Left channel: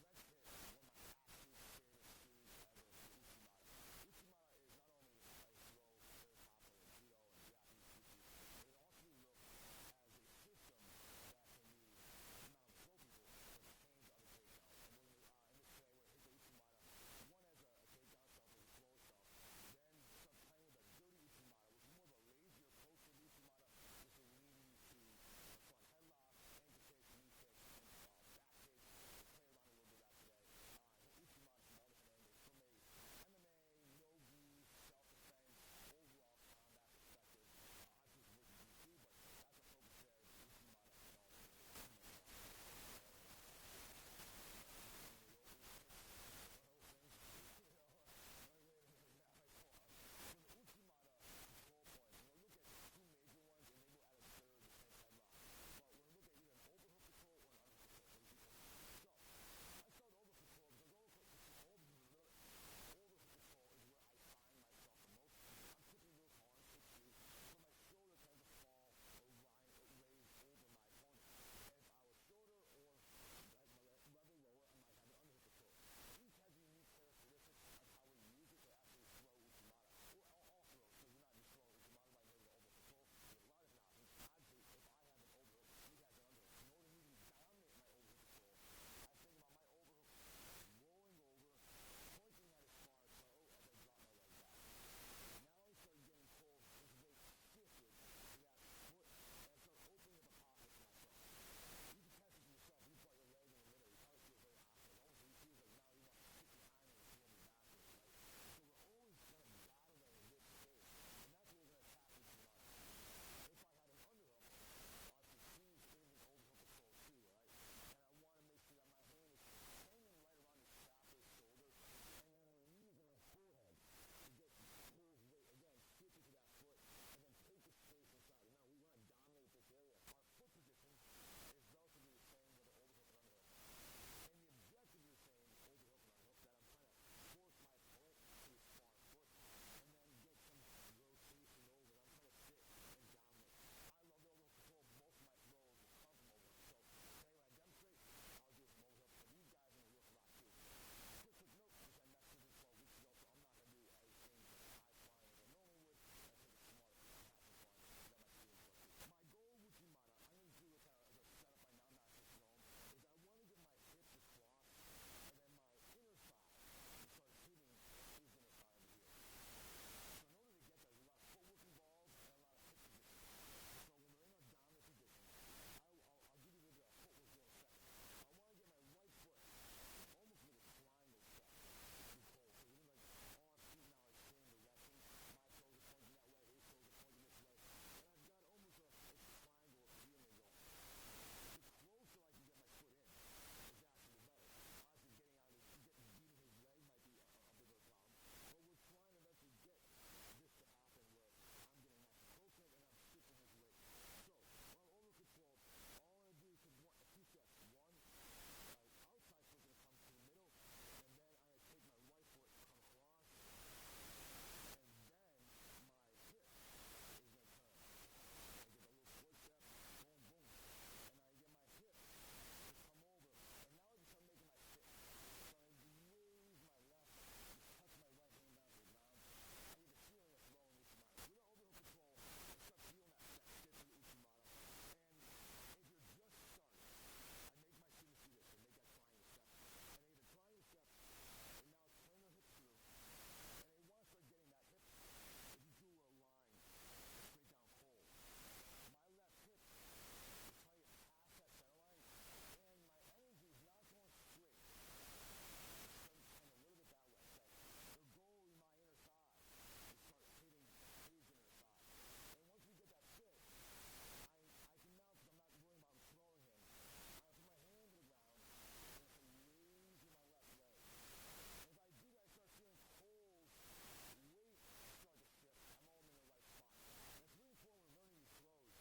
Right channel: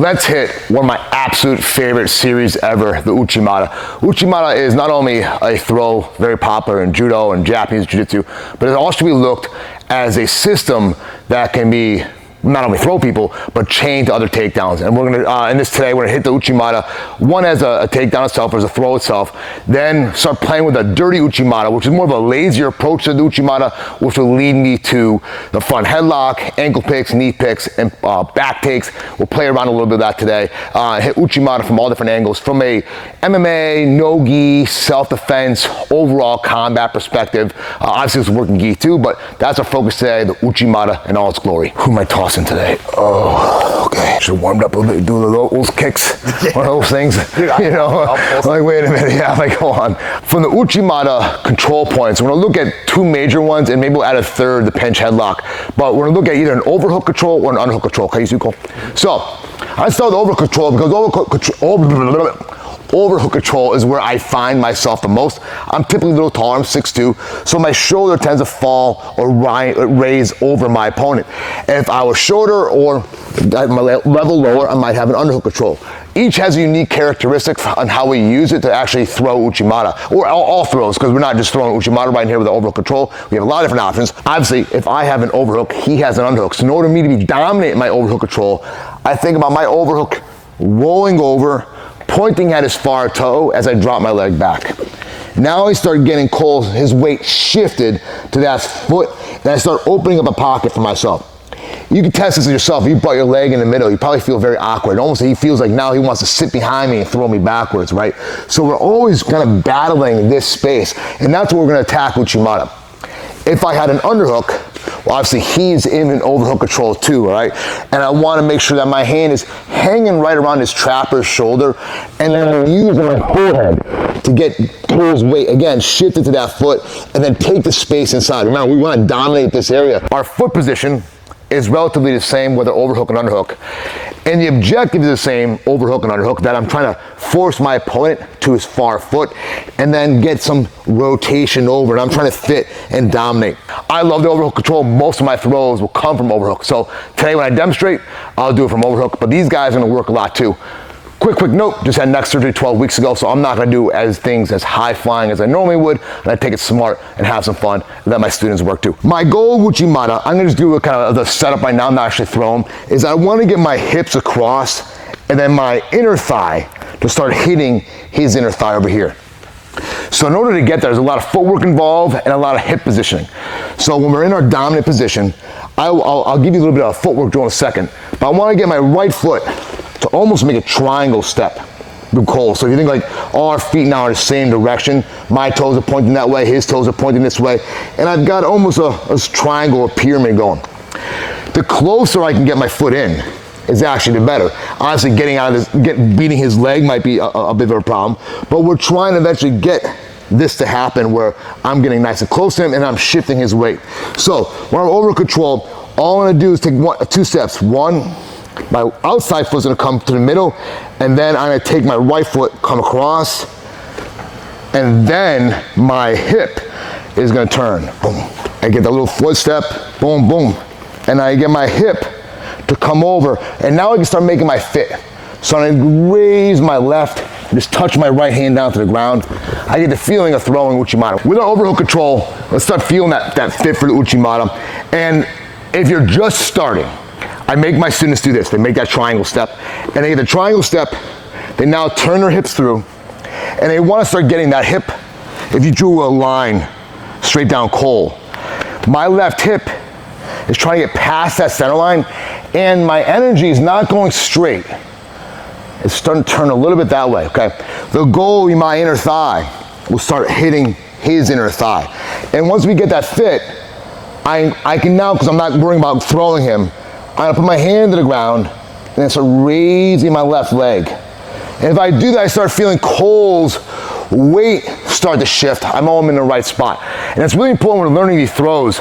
let's hit one of my absolute favorite series ever, the Uchi Mata. Uchi Mata is not only a throw, very popular in Judo and Japanese Jiu-Jitsu, but it also be looked as a system that can be not only throw people, but chain to other takedowns. And we're gonna, in this today, we're gonna hit the Uchi Mata, one as a takedown itself, or as a throw itself, then start playing with a dirty Uchi Mata, which is more of a lazier approach to the Uchi Mata, which will lead me to the front headlock, ankle picks, knee picks, and back takes. We'll play around a little bit of that today. Hit Uchi Mata from all different angles, from a MMA, no-gi, self-defense, overall combat perspective. Obviously, it's working gi too, but that's our focus today, the Uchi Mata in all its glory. Who am I tossing today? Oh, okay. Should have warmed up a little bit, do those kicks, one of those things. Dude, you know, like, wait a minute, yeah, like, go on. From the Uchi Mata control points, we're gonna look at two major ones, and maybe we'll add a third, the pinch headlock. But we're gonna look at either an overhook control or an underhook control. Okay, Zuko? So, I start with overhook control because overhook control is where I find myself the most. I'm typically a little taller, I'm 6'2", so my shoulder tends to fall or raise over my opponent. If I was shorter or my level lower, I might have an underhook control. Each has a unique characteristic on how we use it to actually throw Uchi Mata, or all throws, because we're not just throwing Uchi Mata right here with the overhook control. We have a lot of different options. Obviously, if I have an overhook, he has an underhook. So in order for me to be dominant in my overhook control, I think about my overhook rolling over, pointing at his far toe as I drop my leg back. Now I start getting his weight shifted to that foot, and I start opening up a pocket for myself. You can test this yourself. If you brought your leg in the middle, you probably feel very awkward. Almost he feels like now he wants to sit behind me and throw me backwards, right? So we're always kind of battling this space, and that's what we're gonna attack Uchi Mata. If I had an underhook, well, obviously he's in an overhook control too, right? And I want to make sure that my hand is hanging right around his trapper's shoulder, and then I'm using my forehead to get his weight, again, shifted to that foot, and then take the space inside. Remember, we want to dominate this area. Our foot position is relatively the same, whether overhook and underhook. And the objective is the same, overhook and underhook, that I'm trying to force my opponent to his far foot and then get some rotation over, and I'm trying to fit and dominate. I love the overhook control. Most of my throws will come from overhook. So today when I demonstrate, I'll do it from overhook, but these guys are gonna work a lot too. Quick note, just had neck surgery 12 weeks ago, so I'm not gonna do things as high flying as I normally would, and I take it smart and have some fun and let my students work too. My goal with Uchi Mata, I'm gonna just do a kind of the setup right now, not actually throw them, is I wanna get my hips across and then my inner thigh to start hitting his inner thigh over here. So in order to get there, there's a lot of footwork involved and a lot of hip positioning. So when we're in our dominant position, I'll give you a little bit of footwork drill in a second, but I wanna get my right foot to almost make a triangle step with Cole. So if you think like all our feet now are the same direction, my toes are pointing that way, his toes are pointing this way, and I've got almost a triangle, a pyramid going. The closer I can get my foot in is actually the better. Honestly, getting out of this, beating his leg might be a bit of a problem, but we're trying to eventually get this to happen where I'm getting nice and close to him and I'm shifting his weight. So when I'm over control, all I'm gonna do is take two steps. One, my outside foot's gonna come to the middle, and then I'm gonna take my right foot, come across, and then my hip is gonna turn. Boom. I get that little foot step, boom, boom. And I get my hip to come over, and now I can start making my fit. So I'm gonna raise my left, just touch my right hand down to the ground. I get the feeling of throwing Uchi Mata. With our overhook control, let's start feeling that fit for the Uchi Mata. And if you're just starting, I make my students do this. They make that triangle step, and they get the triangle step, they now turn their hips through, and they wanna start getting that hip. If you drew a line straight down Cole, my left hip is trying to get past that center line, and my energy is not going straight. It's starting to turn a little bit that way, okay? The goal in my inner thigh will start hitting his inner thigh. And once we get that fit, I can now, because I'm not worrying about throwing him, I'm gonna put my hand to the ground and then start raising my left leg. And if I do that, I start feeling Cole's weight start to shift. I'm all in the right spot. And it's really important when we're learning these throws,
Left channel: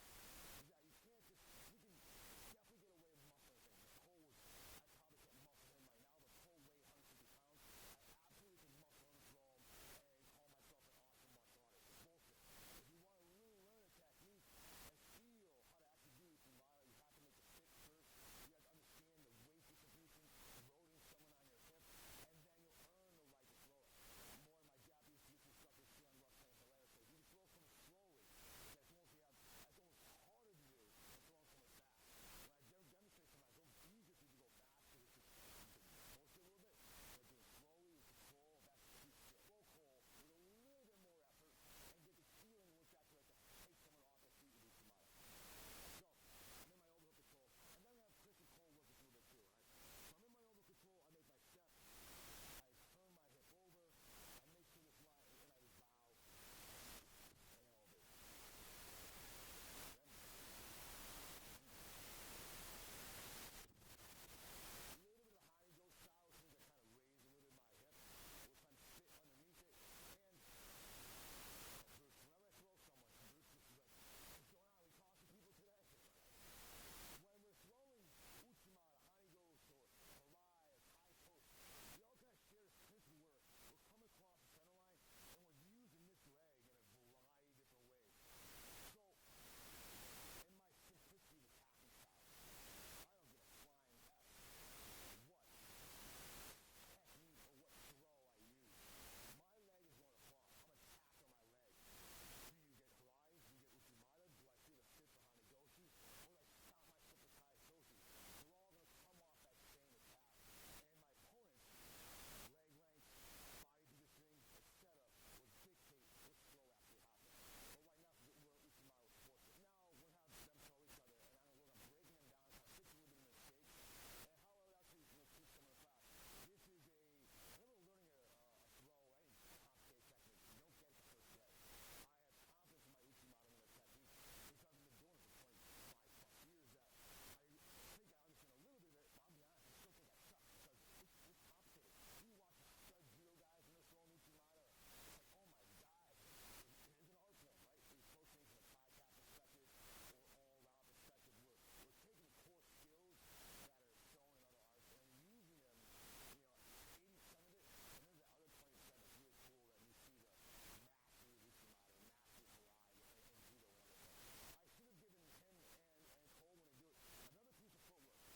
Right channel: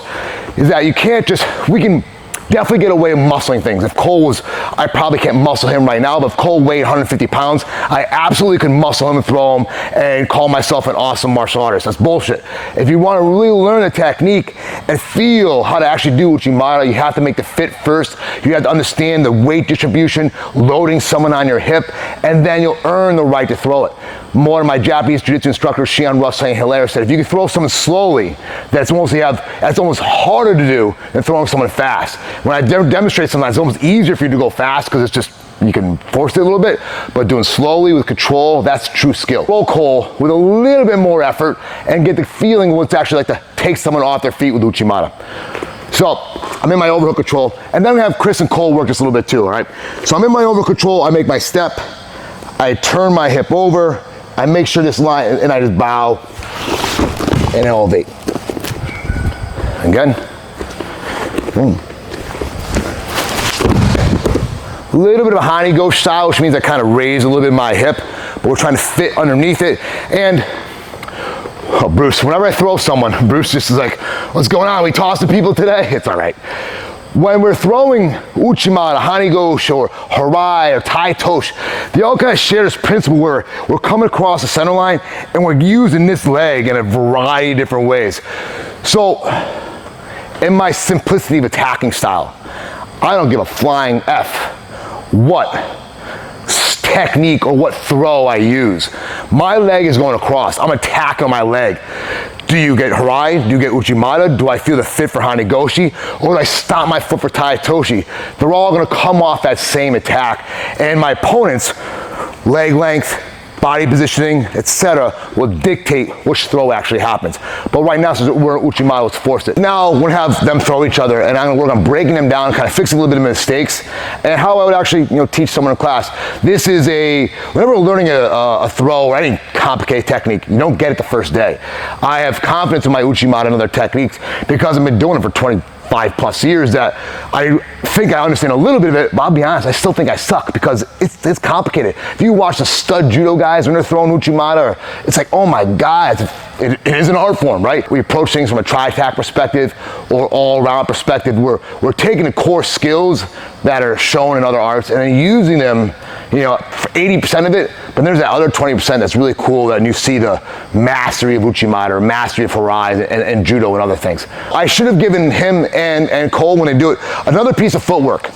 is that you can't just, we can definitely get away with muscling things. If Cole was, I probably can't muscle him right now, but if Cole weighed 150 pounds, I absolutely could muscle him and throw him and call myself an awesome martial artist. That's bullshit. If you want to really learn the technique and feel how to actually do Uchi Mata, you have to make the fit first. You have to understand the weight distribution, loading someone on your hip, and then you'll earn the right to throw it. One of my Japanese jiu-jitsu instructors, Shion Russ St. Hilaire, said if you can throw someone slowly, that's almost harder to do than throwing someone fast. When I demonstrate sometimes, it's almost easier for you to go fast because it's just, you can force it a little bit, but doing slowly with control, that's true skill. Roll Cole with a little bit more effort and get the feeling of what it's actually like to take someone off their feet with Uchi Mata. So I'm in my overhook control, and then I'm gonna have Chris and Cole work this a little bit too, all right? So I'm in my overhook control, I make my step, I turn my hip over, I make sure this line, and I just bow and elevate. Again. A little bit of a Hani go style, which means I kind of raise a little bit of my hip, but we're trying to fit underneath it. And Bruce, whenever I throw someone, Bruce just is like, what's going on? We tossing people today? It's all right. When we're throwing Uchi Mata, Hani Gosh, or Harai, or Tai Tosh, they all kind of share this principle where we're coming across the center line and we're using this leg in a variety of different ways. So, in my simplicity of attacking style, I don't give a flying F what technique or what throw I use. My leg is going across. I'm attacking my leg. Do you get Harai? Do you get Uchi Mata? Do I feel the fit for Hanagoshi? Or do I stop my foot for Tai Toshi? They're all gonna come off that same attack. And my opponent's leg length, body positioning, etc. will dictate which throw actually happens. But right now, since we're Uchi Mata, let's force it. Now, we're gonna have them throw each other, and I'm gonna work on breaking them down, kind of fixing a little bit of mistakes, and how I would actually, teach someone in class. This is whenever we're learning a throw or any complicated technique, you don't get it the first day. I have confidence in my Uchi Mata and other techniques because I've been doing it for 25+ years that I think I understand a little bit of it, but I'll be honest, I still think I suck because it's complicated. If you watch the stud judo guys when they're throwing Uchi Mata, it's like, oh my God, it is an art form, right? We approach things from a TRITAC perspective or all-around perspective. We're taking the core skills that are shown in other arts and then using them, for 80% of it, but there's that other 20% that's really cool, and you see the mastery of Uchi Mata or mastery of Harai and Judo and other things. I should have given him and Cole, when they do it, another piece of footwork.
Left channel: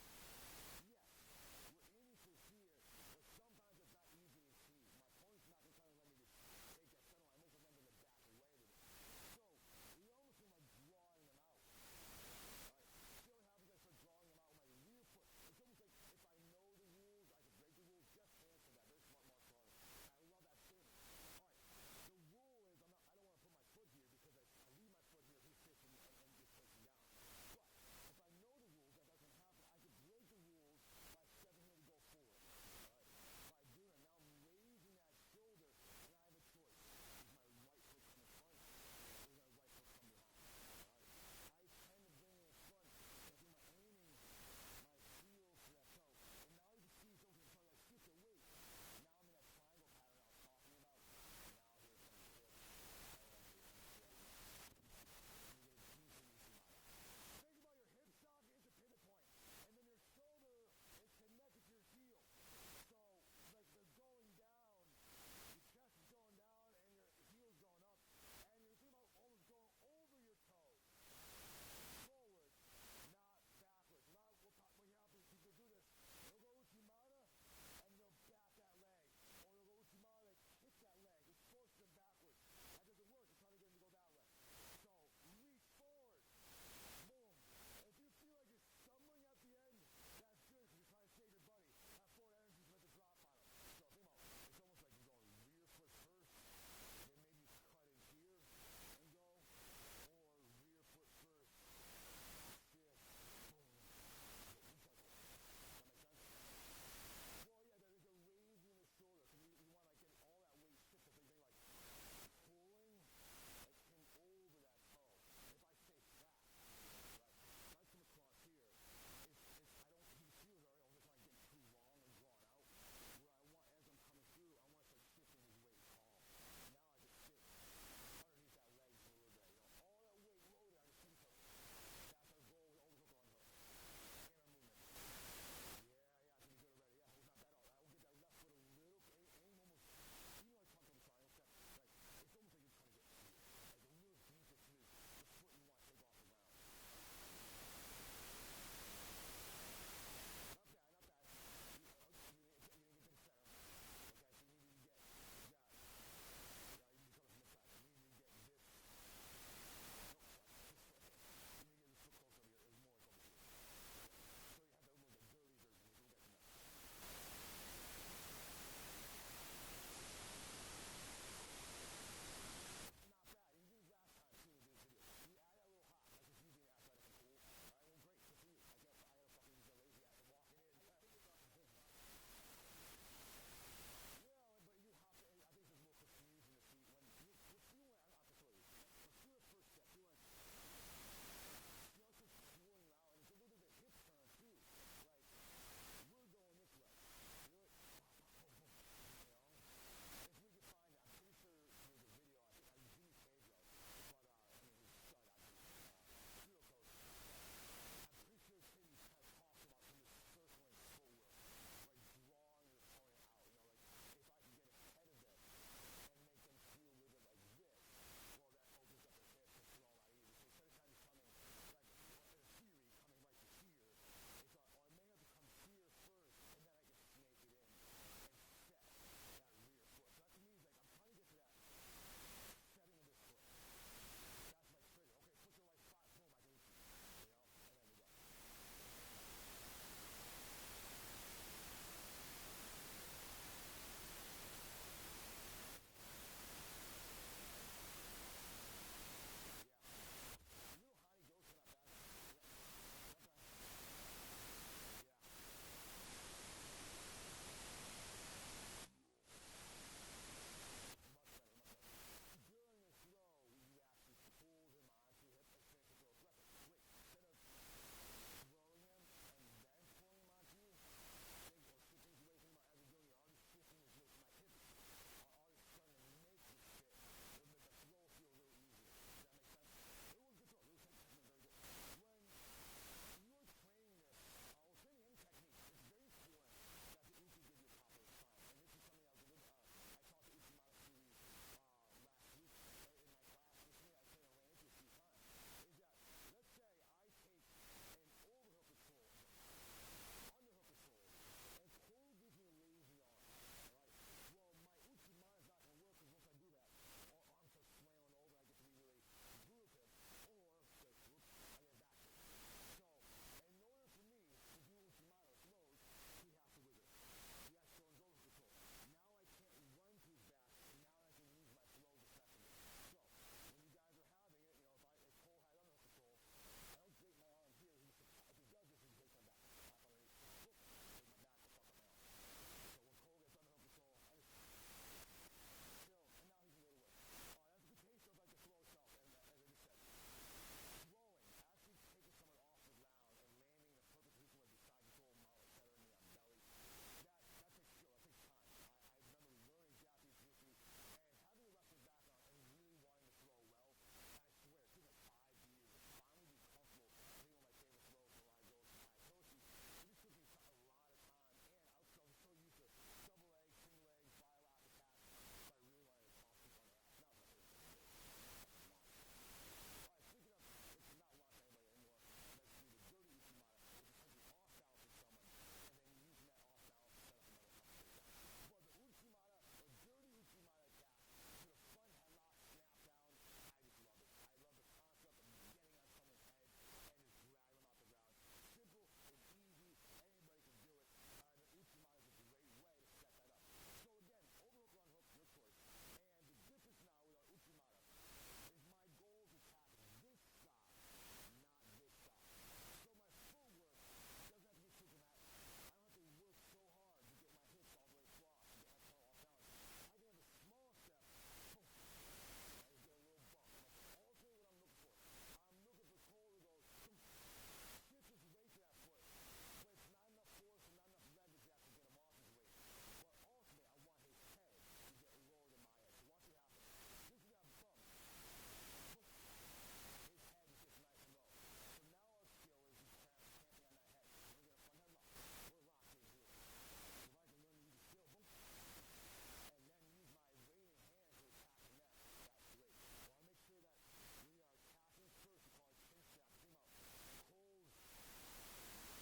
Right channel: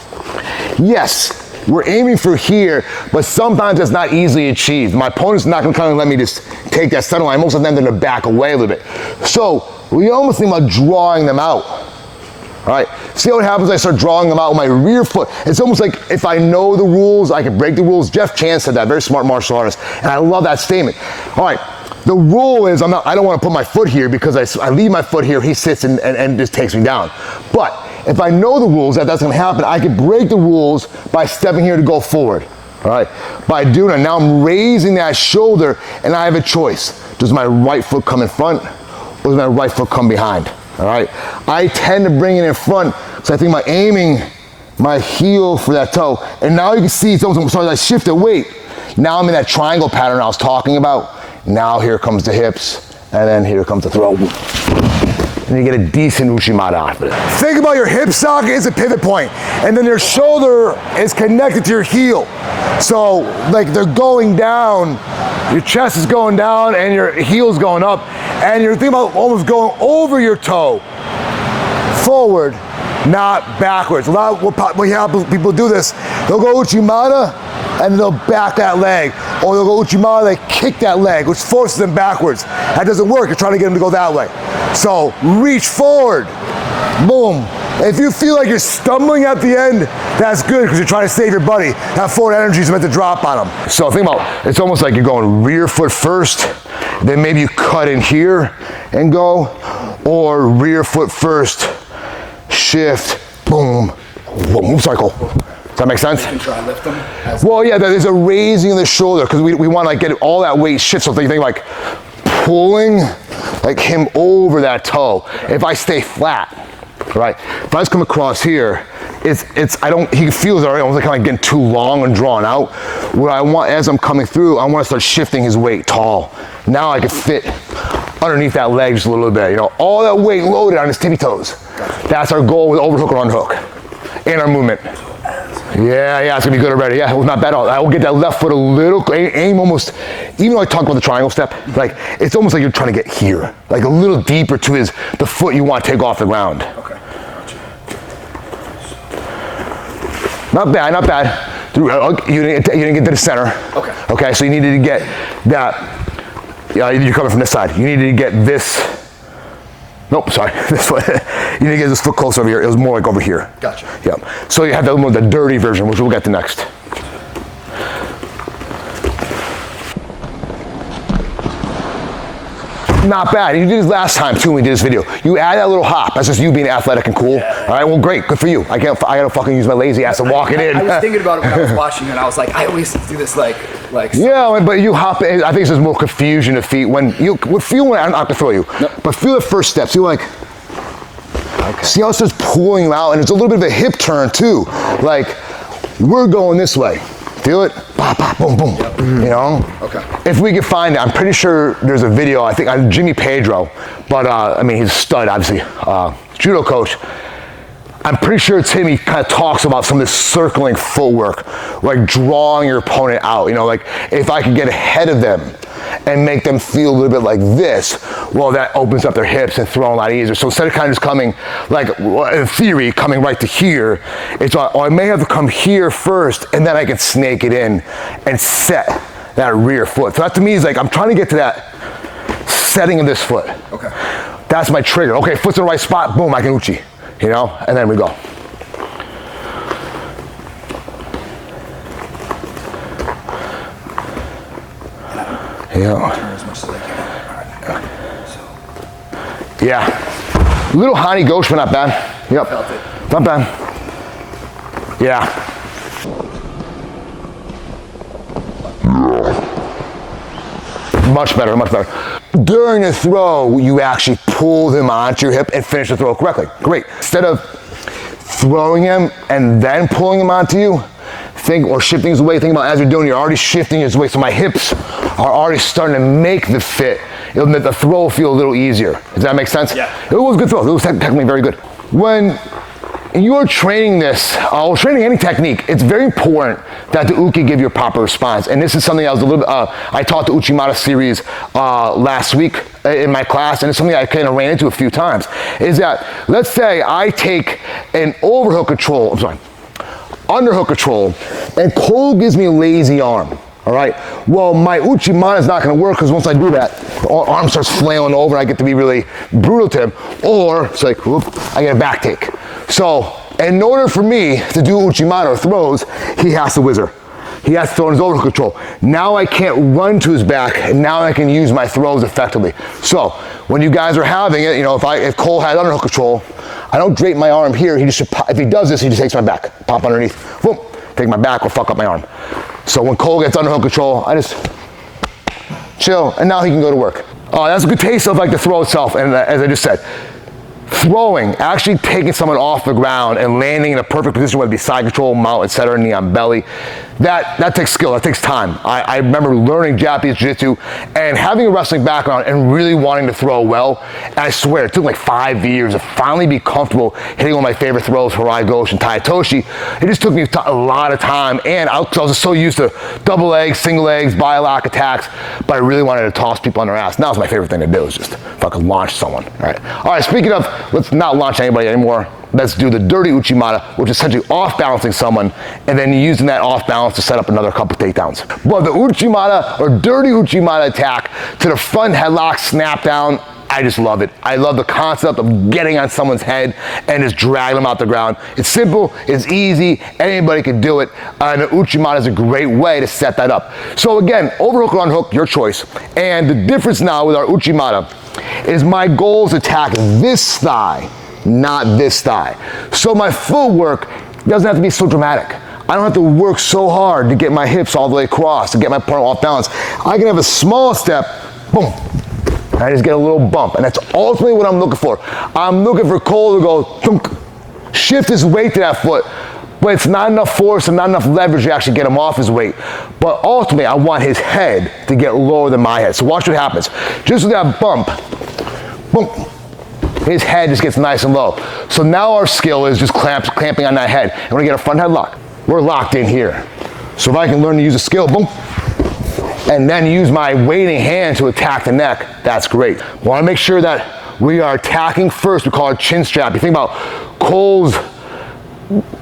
Yes, we're aiming for here, but sometimes it's not easily achieved. My opponent's not gonna come and let me just take that center line. Most of them, they're gonna back away a little bit. So we almost think about drawing them out. All right, see what happens when I start drawing them out with my rear foot. It's almost like if I know the rules, I can break the rules. Jeff Chan said that, very smart martial artist, and I love that statement. All right, the rule is I don't want to put my foot here because I leave my foot here, he sits and just takes me down. But if I know the rules, that's gonna happen, I can break the rules by stepping here to go forward. All right, by doing it, now I'm raising that shoulder and I have a choice. Does my right foot come in front or does my right foot come behind? All right, I tend to bring it in front, so I think by aiming my heel for that toe, and now you can see it's almost, sorry, I shifted weight. Now I'm in that triangle pattern I was talking about. Now here comes the hips, and then here comes the throw. And you get a decent Uchi Mata out of it. Think about your hip socket is a pivot point, and then your shoulder is connected to your heel. So, like they're going down, your chest is going down, and your heel's going up, and you're thinking about almost going over your toe, forward, not backwards. A lot of people do this. They'll go Uchi Mata, and they'll back that leg, or they'll go Uchi Mata, they kick that leg, which forces them backwards. That doesn't work. You're trying to get them to go that way. So reach forward, boom. If you feel like you're stumbling at the end, that's good because you're trying to save your buddy. That forward energy is meant to drop on them. So think about, it's almost like you're going rear foot first, then maybe you cut in here and go, or rear foot first, shift, boom, boom, circle. Does that make sense? You can try to lift them. Well, yeah, there's a raising of the shoulder because we want to like get all that weight shift. So think like pulling like him over that toe. If I stay flat, right? If I just come across here, he feels already almost like kind of getting too long and drawn out. What I want, as I'm coming through, I want to start shifting his weight tall. Now I can fit underneath that leg just a little bit. All that weight loaded on his tippy toes. That's our goal with overhook or unhook. and our movement. Yeah, it's gonna be good already. Yeah, well, not bad at all. I will get that left foot a little, aim almost, even though I talk about the triangle step, like, it's almost like you're trying to get here, like a little deeper to the foot you want to take off the ground. Okay. Not bad, not bad. You didn't get to the center. Okay. Okay, so you needed to get that, you're coming from this side. You needed to get this, nope, sorry, this foot. You need to get this foot closer over here. It was more like over here. Gotcha. Yeah. So you have the dirty version, which we'll get to next. Not bad. You did this last time too when we did this video. You add that little hop. That's just you being athletic and cool. Yeah. All right, well, great. Good for you. I gotta fucking use my lazy ass and walk it in. I was thinking about it when I was watching and I was like, I always do this like. Yeah, but you hop in. I think there's more confusion of feet when you feel when I'm not to throw you, but feel the first step. See like, see how it starts pulling you out, and it's a little bit of a hip turn too. Like, we're going this way. Feel it? Bop, bop, boom, boom. Yep. You know? Okay. If we can find it, I'm pretty sure there's a video, I think, on Jimmy Pedro, but I mean, he's a stud, obviously, judo coach. I'm pretty sure it's him. He kind of talks about some of this circling footwork, like drawing your opponent out. You know, like if I could get ahead of them and make them feel a little bit like this, well, that opens up their hips and throwing a lot easier. So instead of kind of just coming, like in theory, coming right to here, it's like, oh, I may have to come here first, and then I can snake it in and set that rear foot. So that to me is like, I'm trying to get to that setting of this foot. Okay. That's my trigger. Okay, foot's in the right spot, boom, I can Uchi. You know, and then we go. Yeah. Yeah. Little Hani Ghosh, but not bad. Yep. Felt it. Not bad. Yeah. Much better, much better. During the throw, you actually pull them onto your hip and finish the throw correctly. Great. Instead of throwing him and then pulling him onto you, or shifting his weight, think about as you're doing, you're already shifting his weight. So my hips are already starting to make the fit. It'll make the throw feel a little easier. Does that make sense? Yeah. It was a good throw. It was technically very good. When you're training this, or training any technique, it's very important that the uke give you a proper response. And this is something I was a little bit, I taught the Uchi Mata series last week in my class, and it's something I kind of ran into a few times, is that, let's say I take an overhook control, underhook control, and Cole gives me a lazy arm. All right, well, my Uchi Mata is not gonna work because once I do that, the arm starts flailing over and I get to be really brutal to him, or it's like, whoop, I get a back take. So, in order for me to do Uchi Mata or throws, he has to whizzer. He has to throw in his overhook control. Now I can't run to his back, and now I can use my throws effectively. So, when you guys are having it, you know, if Cole had underhook control, I don't drape my arm here. He just if he does this, he just takes my back, pop underneath, boom, take my back or fuck up my arm. So when Cole gets underhook control, I just chill, and now he can go to work. That's a good taste of like the throw itself, and as I just said, throwing, actually taking someone off the ground and landing in a perfect position, whether it be side control, mount, etc., knee on belly, that takes skill, that takes time. I remember learning Japanese Jiu-Jitsu and having a wrestling background and really wanting to throw well. And I swear, it took like 5 years to finally be comfortable hitting one of my favorite throws, Harai Gosh and Tai Toshi. It just took me a lot of time, and I was just so used to double legs, single legs, bi-lock attacks, but I really wanted to toss people on their ass. Now it's my favorite thing to do, is just fucking launch someone. All right, speaking of, let's not launch anybody anymore. Let's do the dirty Uchi Mata, which is essentially off-balancing someone and then using that off-balance to set up another couple takedowns. But the Uchi Mata, or dirty Uchi Mata attack to the front headlock snap down, I just love it. I love the concept of getting on someone's head and just dragging them out the ground. It's simple, it's easy, anybody can do it, and the Uchi Mata is a great way to set that up. So again, overhook or unhook, your choice. And the difference now with our Uchi Mata is my goal is to attack this thigh, not this thigh. So my footwork doesn't have to be so dramatic. I don't have to work so hard to get my hips all the way across, to get my opponent off balance. I can have a small step, boom, and I just get a little bump. And that's ultimately what I'm looking for. I'm looking for Cole to go, thunk, shift his weight to that foot, but it's not enough force and not enough leverage to actually get him off his weight. But ultimately, I want his head to get lower than my head. So watch what happens. Just with that bump, boom, his head just gets nice and low. So now our skill is just clamping on that head. And we're gonna get a front headlock. We're locked in here. So if I can learn to use a skill, boom, and then use my waiting hand to attack the neck, that's great. Wanna make sure that we are attacking first. We call it chin strap. You think about Cole's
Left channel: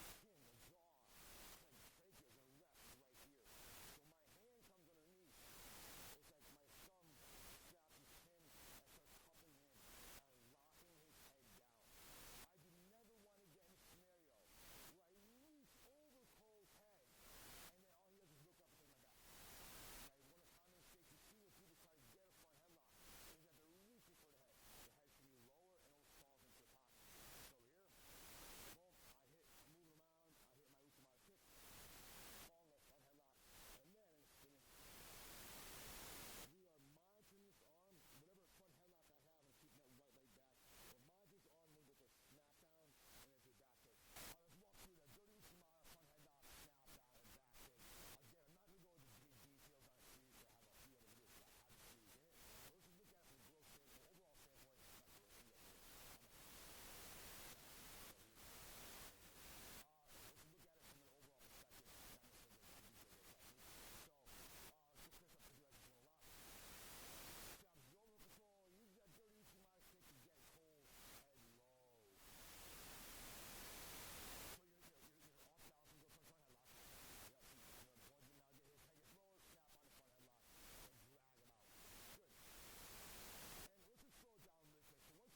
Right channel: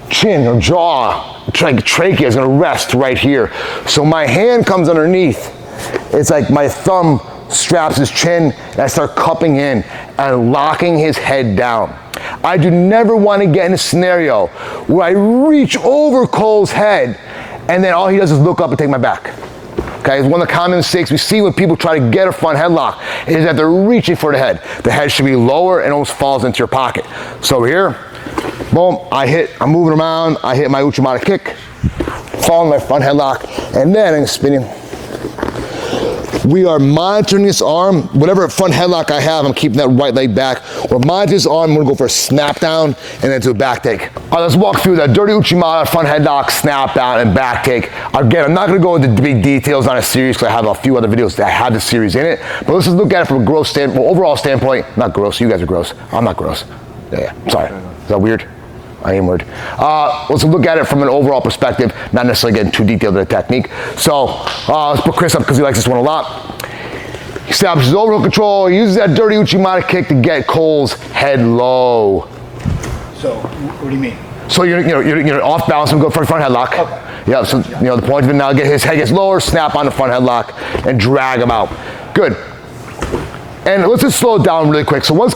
chin or jaw, trachea is gonna rest right here. So my hand comes underneath. It's like my thumb straps his chin, and I start cupping in and locking his head down. I do never want to get in a scenario where I reach over Cole's head and then all he does is look up and take my back. Okay, it's one of the common mistakes we see when people try to get a front headlock is that they're reaching for the head. The head should be lower and almost falls into your pocket. So over here, boom, I'm moving around, I hit my Uchi Mata kick, fall in my front headlock, and then I'm spinning. We are monitoring this arm. Whatever front headlock I have, I'm keeping that right leg back. We're monitoring this arm. We're gonna go for a snap down and then to a back take. All right, let's walk through that dirty Uchi Mata, front headlock, snap down, and back take. Again, I'm not gonna go into big details on a series because I have a few other videos that have the series in it. But let's just look at it from a gross standpoint, overall standpoint. Not gross, you guys are gross. I'm not gross. Yeah, sorry. Is that weird? I am weird. Let's look at it from an overall perspective, not necessarily getting too detailed in the technique. So let's put Chris up because he likes this one a lot. He establishes overall control. He uses that dirty Uchi Mata kick to get Cole's head low. So what do you mean? So you're off balance and go for a front headlock. Okay. Yeah. So the point of it now, get his head gets lower, snap on the front headlock, and drag him out. Good. And let's just slow it down really quick. So once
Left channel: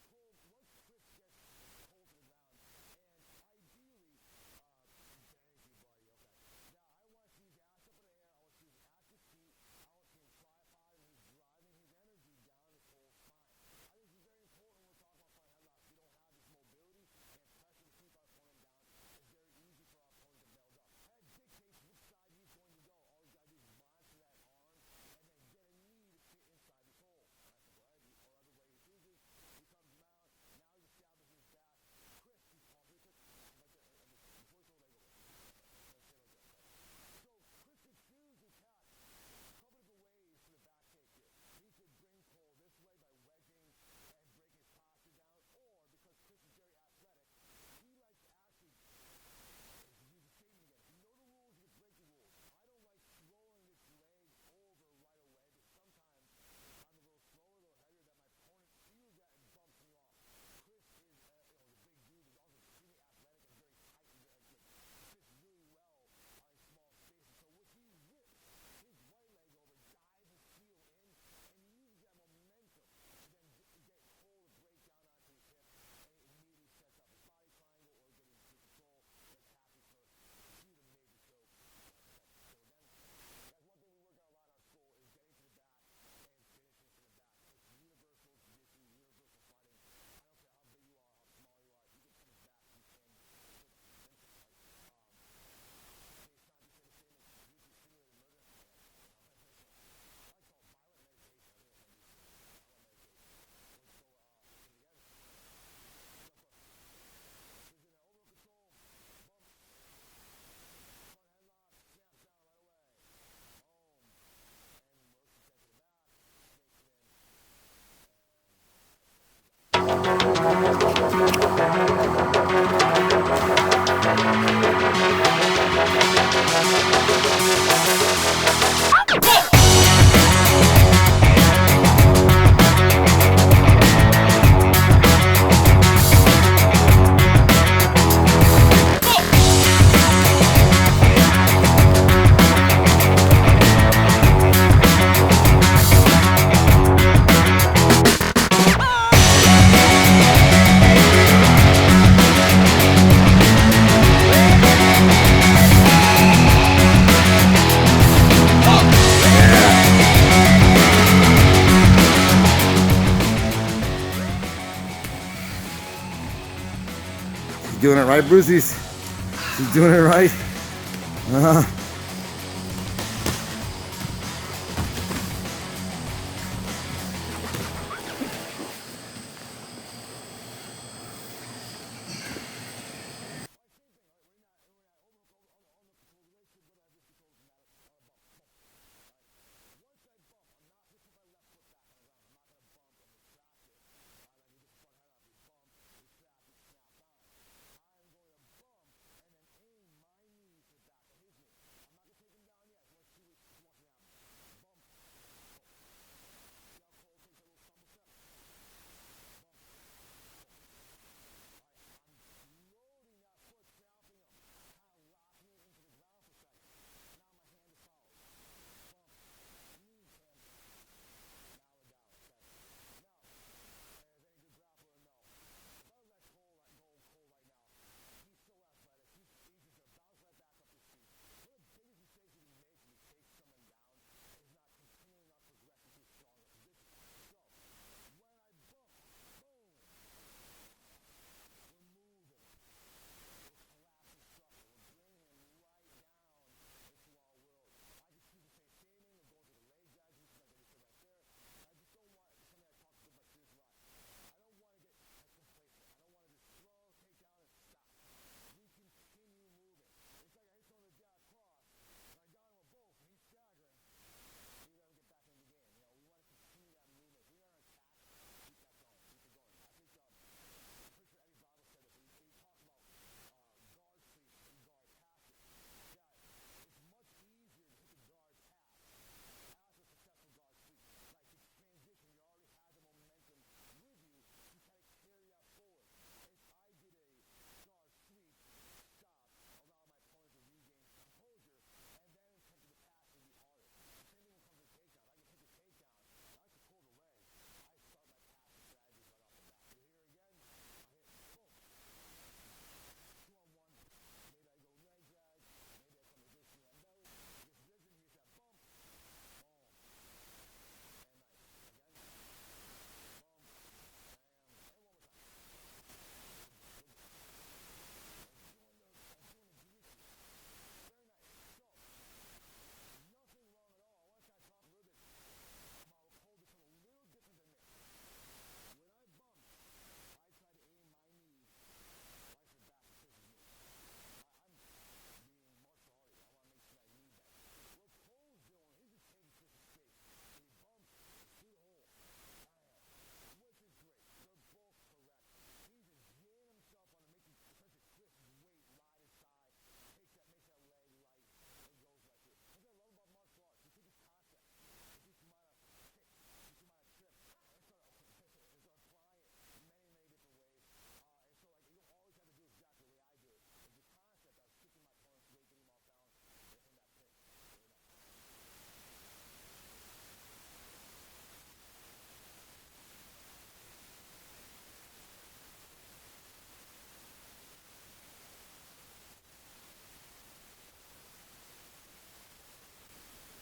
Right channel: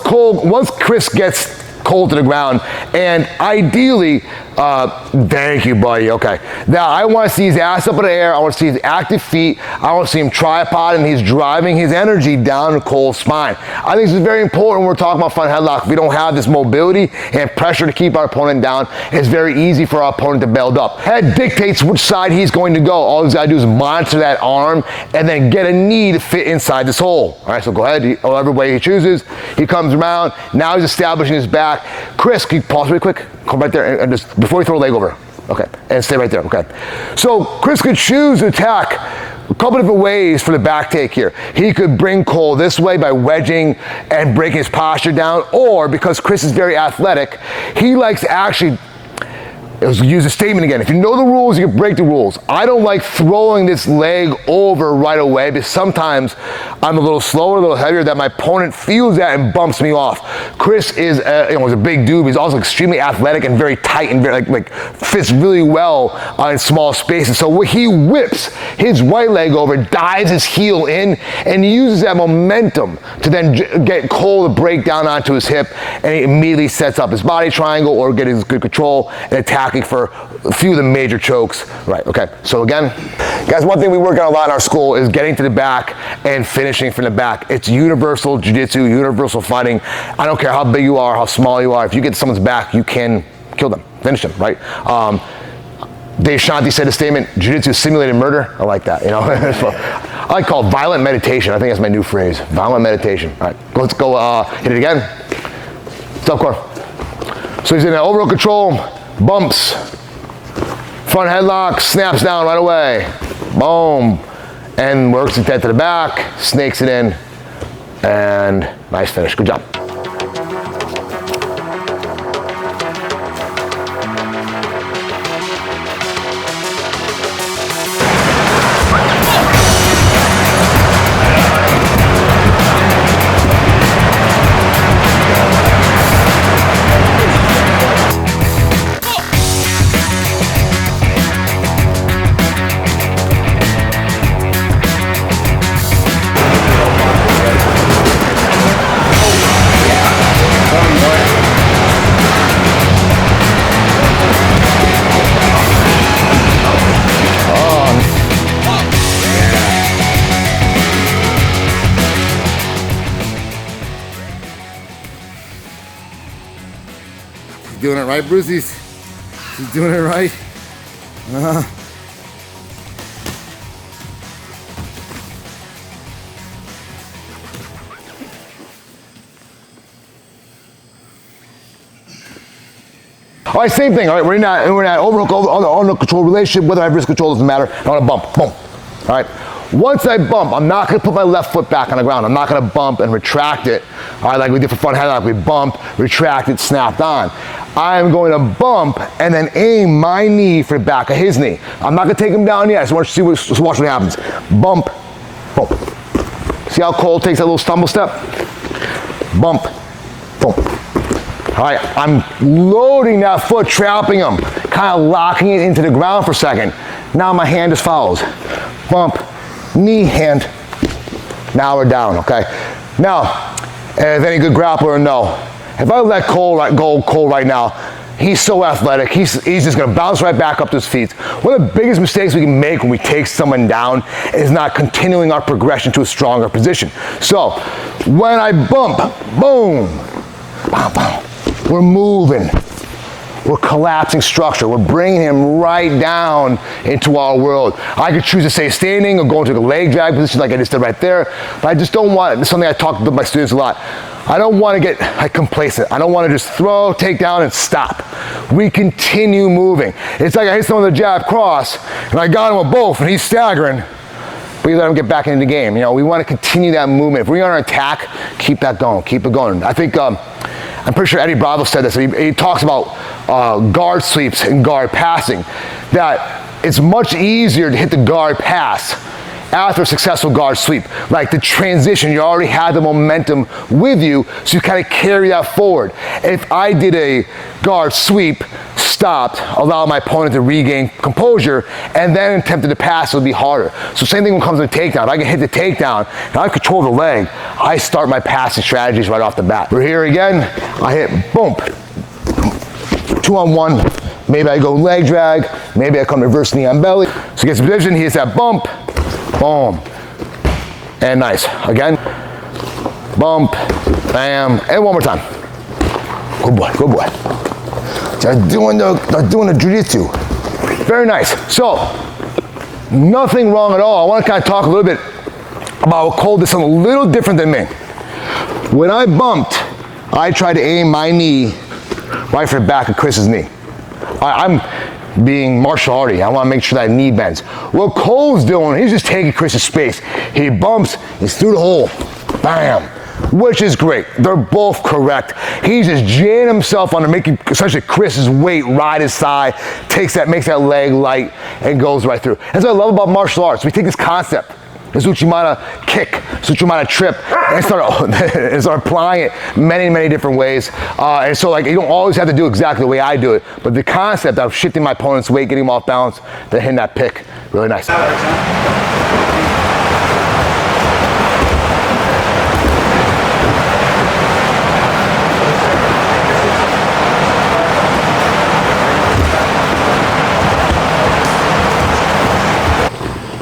Chris gets Cole to the ground, and ideally, thank you, buddy, okay. Now, I want to see his ass up in the air, I want to see his active feet, I want to see him tripod, and he's driving his energy down to Cole's spine. I think this is very important when we're talking about front headlock. If we don't have this mobility and pressure to keep our opponent down, it's very easy for our opponent to build up. Head dictates which side he's going to go. All he's got to do is monitor that arm, and then get a knee to fit inside this hole. All right, so go ahead, whatever way he chooses, he comes around, now he's establishing his back. Chris, can you pause really quick? Come right there and just, before you throw a leg over. Okay, and stay right there, okay. So Chris could choose to attack a couple different ways for the back take here. He could bring Cole this way by wedging and breaking his posture down, or because Chris is very athletic, he likes to actually, let's use a statement again. If you know the rules, you can break the rules. I don't like throwing this leg over right away because sometimes I'm a little slower, a little heavier, that my opponent feels that and bumps me off. Chris is, is a big dude, but he's also extremely athletic and very tight and very like fits really well in small spaces. So he whips his right leg over, dives his heel in, and uses that momentum to then get Cole to break down onto his hip, and he immediately sets up his body triangle or get his good control and attacking for a few of the major chokes. Right, okay. So again, guys, one thing we work on a lot in our school is getting to the back and finishing from the back. It's universal jiu-jitsu, universal fighting. I don't care how big you are, how small you are. If you get to someone's back, you can kill them, finish them, right? Dave Shanti said a statement, jiu-jitsu is simulated murder. I like that, I like to call it violent meditation. I think that's my new phrase, violent meditation. All right, let's go hit it again. Stop core. So he's in overall control, bumps, front headlock, snaps down right away, boom, and works his head to the back, snakes it in, and nice finish, good job. Doing it right, Brucey's. She's doing it right. All right, same thing. All right, we're in that overall control relationship. Whether I have wrist control doesn't matter. I want to bump, boom. All right. Once I bump, I'm not gonna put my left foot back on the ground. I'm not gonna bump and retract it, all right, like we did for front headlock. We bump, retract it, snapped on. I'm going to bump and then aim my knee for the back of his knee. I'm not gonna take him down yet. I just want you to see watch what happens. Bump, boom. See how Cole takes that little stumble step? Bump, boom. All right, I'm loading that foot, trapping him, kind of locking it into the ground for a second. Now my hand just follows. Bump, knee, hand. Now we're down, okay? Now, if any good grappler know, if I let Cole right now, he's so athletic, he's just gonna bounce right back up to his feet. One of the biggest mistakes we can make when we take someone down is not continuing our progression to a stronger position. So, when I bump, boom, bam, bam, we're moving. We're collapsing structure. We're bringing him right down into our world. I could choose to stay standing or go into the leg drag position like I just did right there, but I just don't want, it's something I talk to my students a lot. I don't want to get complacent. I don't want to just throw, take down, and stop. We continue moving. It's like I hit someone with a jab cross, and I got him with both, and he's staggering, but you let him get back into the game. You know, we want to continue that movement. If we're on an attack, keep that going, keep it going. I think, I'm pretty sure Eddie Bravo said this. He talks about guard sweeps and guard passing, that it's much easier to hit the guard pass after a successful guard sweep. Like the transition, you already had the momentum with you, so you kind of carry that forward. If I did a guard sweep, stopped, allowed my opponent to regain composure, and then attempted to pass, it would be harder. So same thing when it comes to the takedown. If I can hit the takedown, and I control the leg, I start my passing strategies right off the bat. We're here again, I hit, boom, 2-on-1. Maybe I go leg drag, maybe I come reverse knee on belly. So he gets the position, he hits that bump, boom, and nice. Again, bump, bam, and one more time. Good boy, good boy. They're doing the jiu-jitsu. Very nice. So, nothing wrong at all. I want to kind of talk a little bit about what Cole did something a little different than me. When I bumped, I tried to aim my knee right for the back of Chris's knee. I'm being martial arty. I want to make sure that knee bends. What Cole's doing, he's just taking Chris's space. He bumps, he's through the hole, bam, which is great. They're both correct. He's just jamming himself under, making essentially Chris's weight ride his thigh, makes that leg light, and goes right through. That's what I love about martial arts. We take this concept, this Uchi Mata kick, this Uchi Mata trip, and start applying it many different ways. And so like, you don't always have to do exactly the way I do it, but the concept of shifting my opponent's weight, getting him off balance, then hitting that pick, really nice.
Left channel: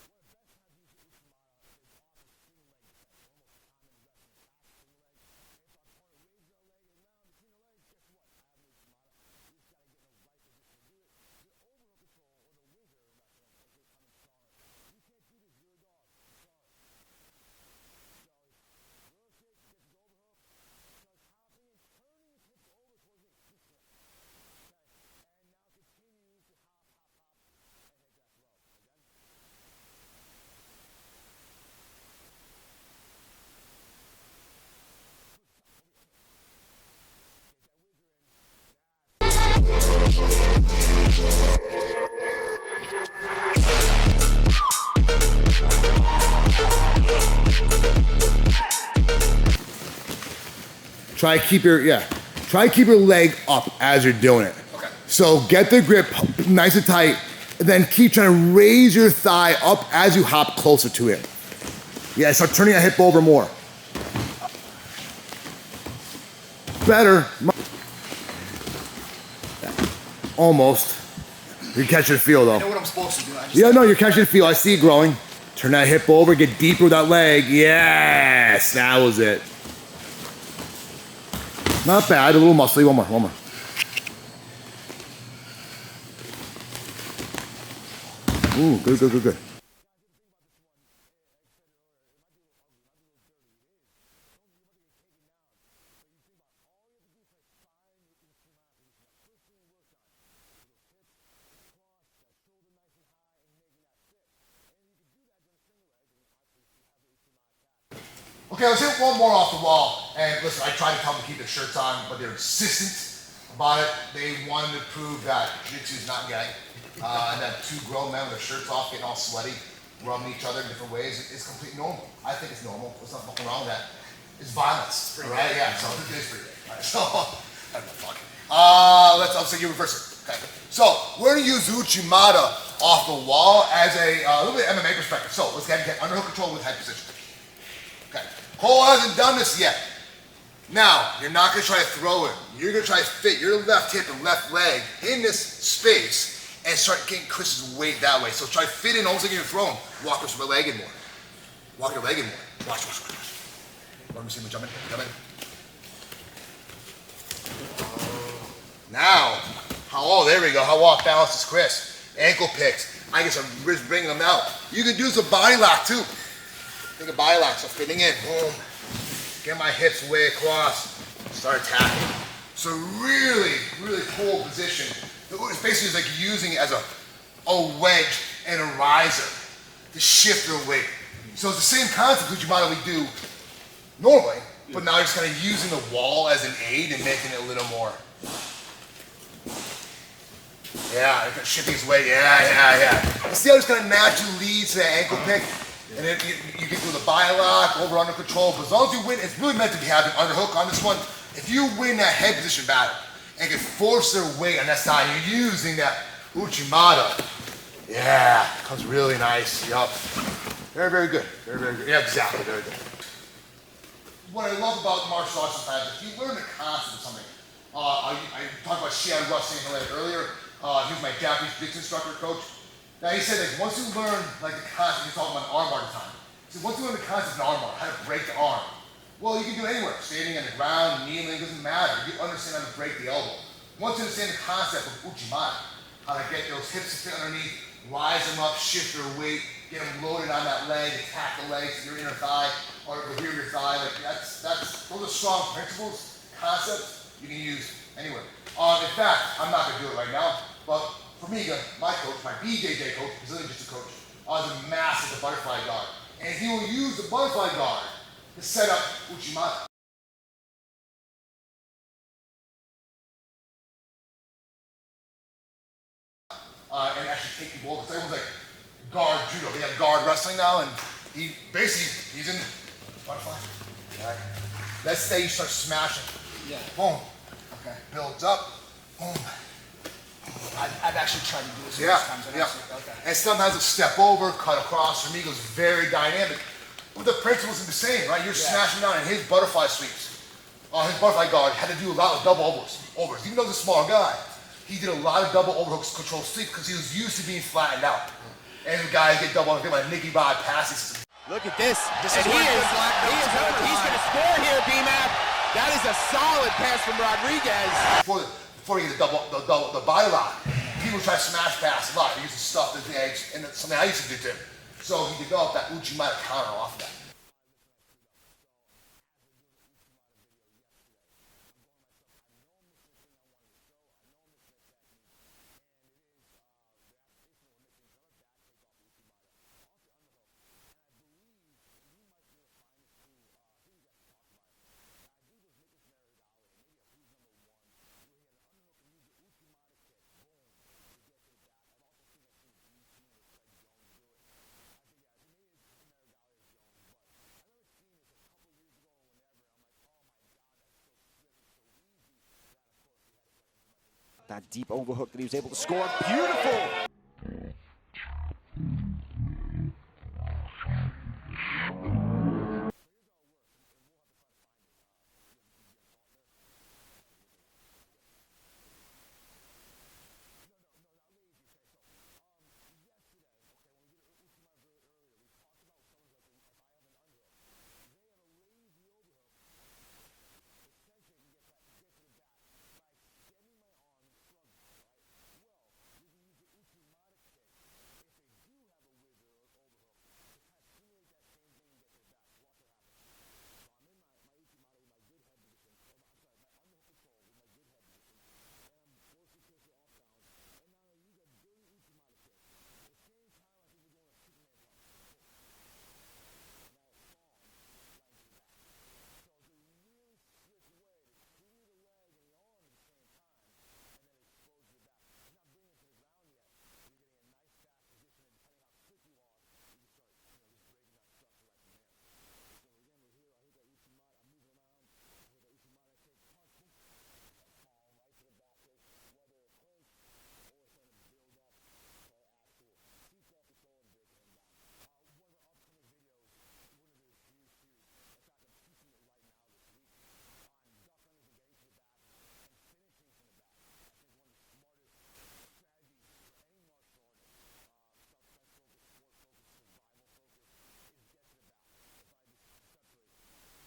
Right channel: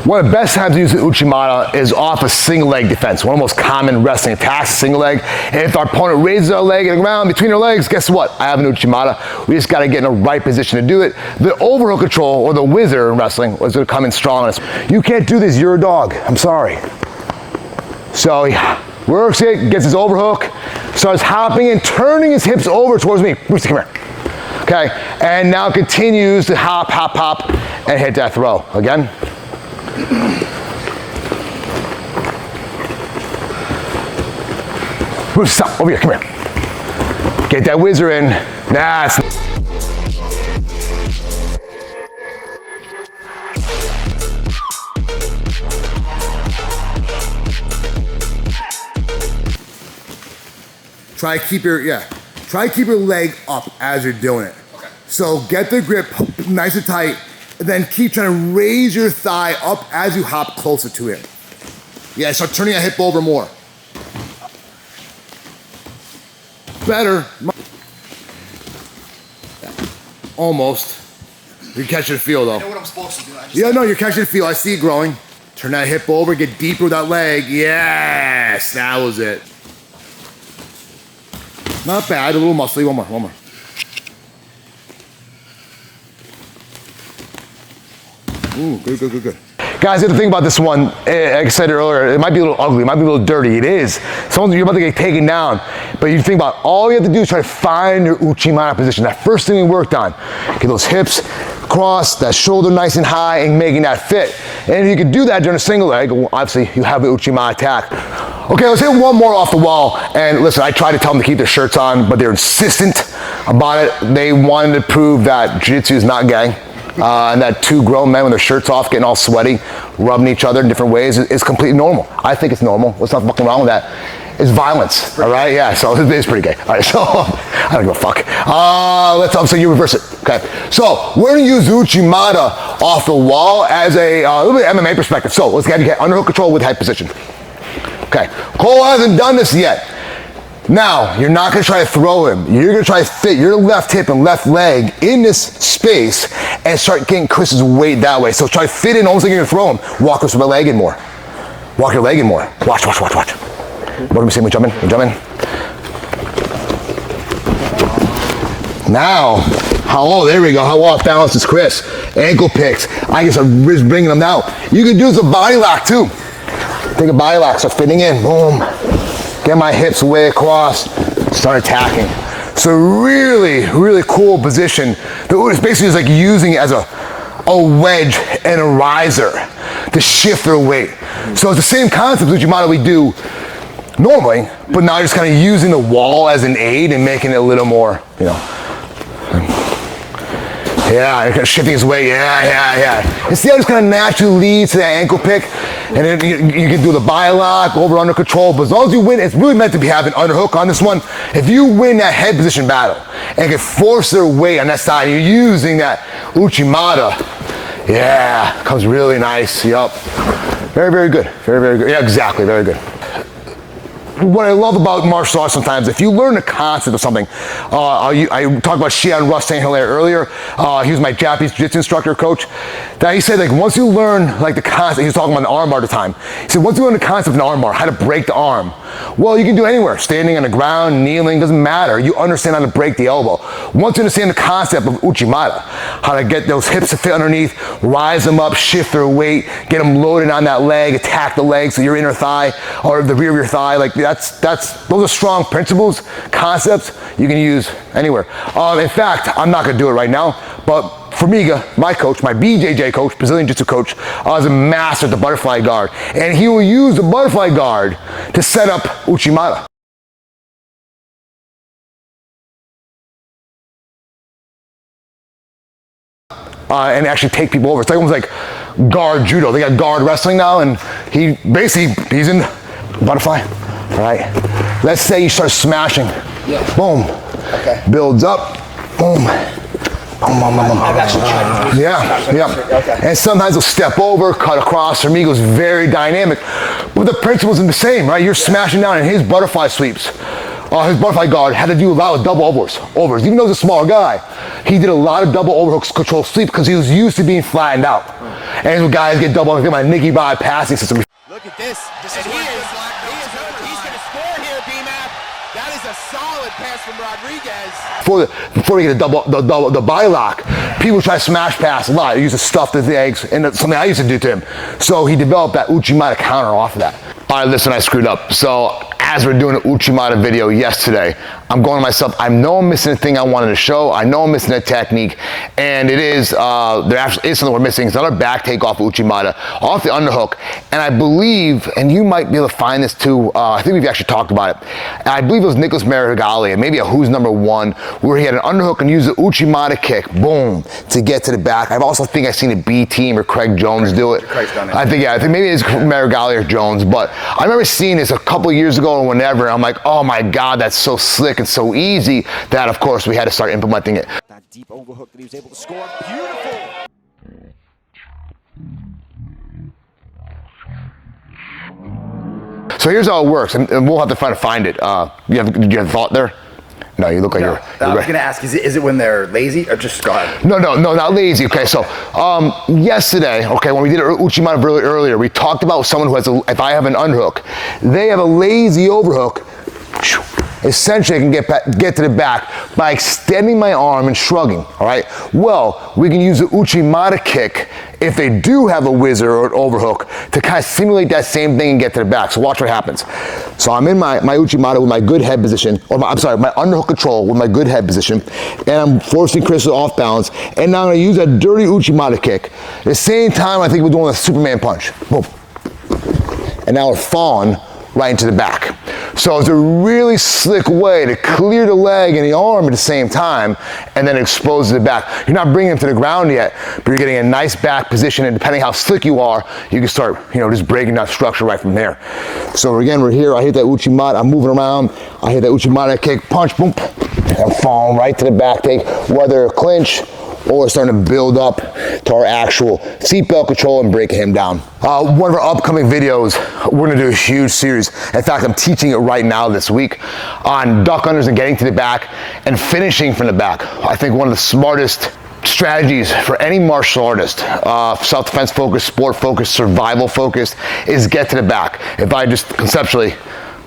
One of the best times to use the Uchi Mata is off a single leg defense. One of the most common wrestling attacks, single leg. And if our opponent raises our leg and around between our legs, guess what? I have an Uchi Mata. We just gotta get in the right position to do it. The overhook control, or the wizard in wrestling, was gonna come in strong on us. You can't do this, you're a dog, I'm sorry. So he works it, gets his overhook, starts hopping and turning his hips over towards me. Bruce, come here. Okay, and now continues to hop, and hit that throw. Again. Bruce, stop, over here, come here. Get that whizzer in. That's Try to keep your leg up as you're doing it. Okay. So get the grip nice and tight, and then keep trying to raise your thigh up as you hop closer to it. Yeah, start turning that hip over more. Better. Almost. You're catching the feel though. I know what I'm supposed to do. Yeah, no, you're catching the feel. I see it growing. Turn that hip over, get deeper with that leg. Yes, that was it. Not bad, a little muscly. One more. Ooh, good. Guys, the other thing about this one, like I said earlier, it might be a little ugly, it might be a little dirty. It is. You're about to get taken down, but you think about all you have to do is try to find your Uchi Mata position. That first thing we worked on. Get those hips cross, that shoulder nice and high, and making that fit. And if you can do that during a single leg, well, obviously you have the Uchi Mata attack. Okay, let's hit one more off the wall. And listen, I tried to tell them to keep their shirts on, but they're insistent about it. They wanted to prove that jiu-jitsu is not gay. And that two grown men with their shirts off, getting all sweaty, rubbing each other in different ways is completely normal. I think it's normal. What's not fucking wrong with that? It's violence, all right? Yeah, so it is pretty gay. All right, so I don't give a fuck. So you reverse it, okay? So we're gonna use Uchi Mata off the wall as a little bit of MMA perspective. So let's get underhook control with head position. Okay, Cole hasn't done this yet. Now, you're not gonna try to throw him. You're gonna try to fit your left hip and left leg in this space and start getting Chris's weight that way. So try to fit in almost like you're gonna throw him. Walk with my leg in more. Walk your leg in more. Watch. What do we see? We jump in. Now, there we go. How off balance is Chris? Ankle picks. I guess I'm just bringing them now. You can do the body lock too. Take a body lock, start fitting in. Boom. Get my hips way across. Start attacking. So really, really cool position. It's basically just like using it as a wedge and a riser to shift their weight. So it's the same concept as Uchi Mata we do normally, but now you're just kind of using the wall as an aid and making it a little more, yeah, kind of shifting his weight, yeah. You see how it just kind of naturally leads to that ankle pick, and then you can do the body lock, over under control, but as long as you win, it's really meant to be having underhook on this one. If you win that head position battle and can force their weight on that side, you're using that Uchi Mata, yeah, comes really nice, yup. Very, very good, very good, yeah, exactly, very good. What I love about martial arts sometimes, if you learn the concept of something, I talked about Shion Russ St. Hilaire earlier. He was my Japanese jiu-jitsu instructor coach. That he said, like, once you learn like the concept, he was talking about an arm bar at the time. He said, once you learn the concept of an arm bar, how to break the arm, well, you can do it anywhere, standing on the ground, kneeling, doesn't matter. You understand how to break the elbow. Once you understand the concept of Uchi Mata, how to get those hips to fit underneath, rise them up, shift their weight, get them loaded on that leg, attack the leg, so your inner thigh or the rear of your thigh, like those are strong principles, concepts you can use anywhere. In fact, I'm not gonna do it right now, but Formiga, my coach, my BJJ coach, Brazilian Jiu-Jitsu coach, is a master at the butterfly guard. And he will use the butterfly guard to set up Uchi Mata. And actually take people over. It's like almost like guard judo. They got guard wrestling now, and he's in butterfly. All right. Let's say you start smashing. Yeah. Boom. Okay. Builds up. Boom. I've actually tried to do Yeah. Okay. And sometimes they'll step over, cut across. Formiga's very dynamic. But the principle's the same, right? You're smashing down, and his butterfly sweeps, his butterfly guard had to do a lot with double overs. Even though he's a small guy, he did a lot of double overhook control sweeps because he was used to being flattened out. And guys get double, get my Nicky by passing system. Look at this. And he's going to score here, B-Mac. That is a solid pass from Rodriguez. Before we get the body lock, people try to smash pass a lot. They used to stuff the legs, and that's something I used to do to him. So he developed that Uchi Mata counter off of that. All right, listen, I screwed up. So as we're doing an Uchi Mata video yesterday, I'm going to myself, I know I'm missing a thing I wanted to show. I know I'm missing a technique, and it is, there actually is something we're missing. It's another back take off Uchi Mata, off the underhook. And I believe, and you might be able to find this too, I think we've actually talked about it. And I believe it was Nicholas Marigali, and maybe a Who's Number One, where he had an underhook and used the Uchi Mata kick, boom, to get to the back. I also think I've seen a B Team or Craig Jones do it. I think maybe it's Marigali or Jones, but I remember seeing this a couple of years ago or whenever, and I'm like, oh my God, that's so slick and so easy that, of course, we had to start implementing it. That deep overhook that he was able to score. Beautiful. So here's how it works, and we'll have to try to find it. Do you have a thought there? No, you look like you're I was going to ask, is it when they're lazy or just go ahead? No, not lazy. Okay, so yesterday, when we did Uchi Mata earlier, we talked about someone who has if I have an underhook, they have a lazy overhook. essentially I can get to the back by extending my arm and shrugging, all right? Well, we can use the Uchi Mata kick if they do have a whizzer or an overhook to kind of simulate that same thing and get to the back. So watch what happens. So I'm in my Uchi Mata with my good head position, or my underhook control with my good head position, and I'm forcing Chris off balance, and now I'm gonna use that dirty Uchi Mata kick. At the same time, I think we're doing a Superman punch. Boom. And now we're falling right into the back. So it's a really slick way to clear the leg and the arm at the same time and then expose the back. You're not bringing them to the ground yet, but you're getting a nice back position, and depending how slick you are, you can start, just breaking that structure right from there. So again, we're here, I hit that Uchi Mata, I'm moving around, I hit that Uchi Mata kick, punch, boom, and I'm falling right to the back take, whether a clinch or starting to build up to our actual seatbelt control and breaking him down. One of our upcoming videos, we're gonna do a huge series. In fact, I'm teaching it right now this week on duck unders and getting to the back and finishing from the back. I think one of the smartest strategies for any martial artist, self-defense focused, sport focused, survival focused, is get to the back. If I just conceptually,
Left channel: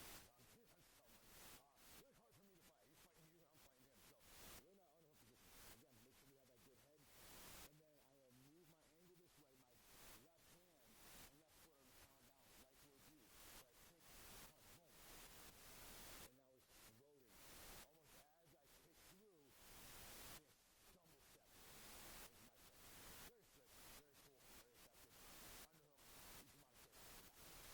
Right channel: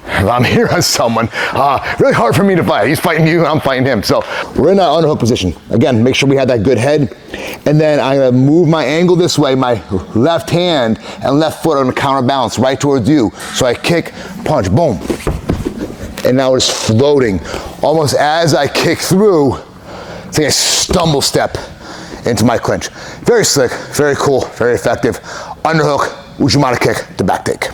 if I'm here on someone, really hard for me to fight. He's fighting you, I'm fighting him. So we're in that underhook position. Again, make sure we have that good head. And then I'm gonna move my angle this way, my left hand and left foot on the counterbalance right towards you. So I kick, punch, boom. And now we're just floating. Almost as I kick through, it's like a stumble step into my clinch. Very slick, very cool, very effective. Underhook, Uchi Mata kick to back take.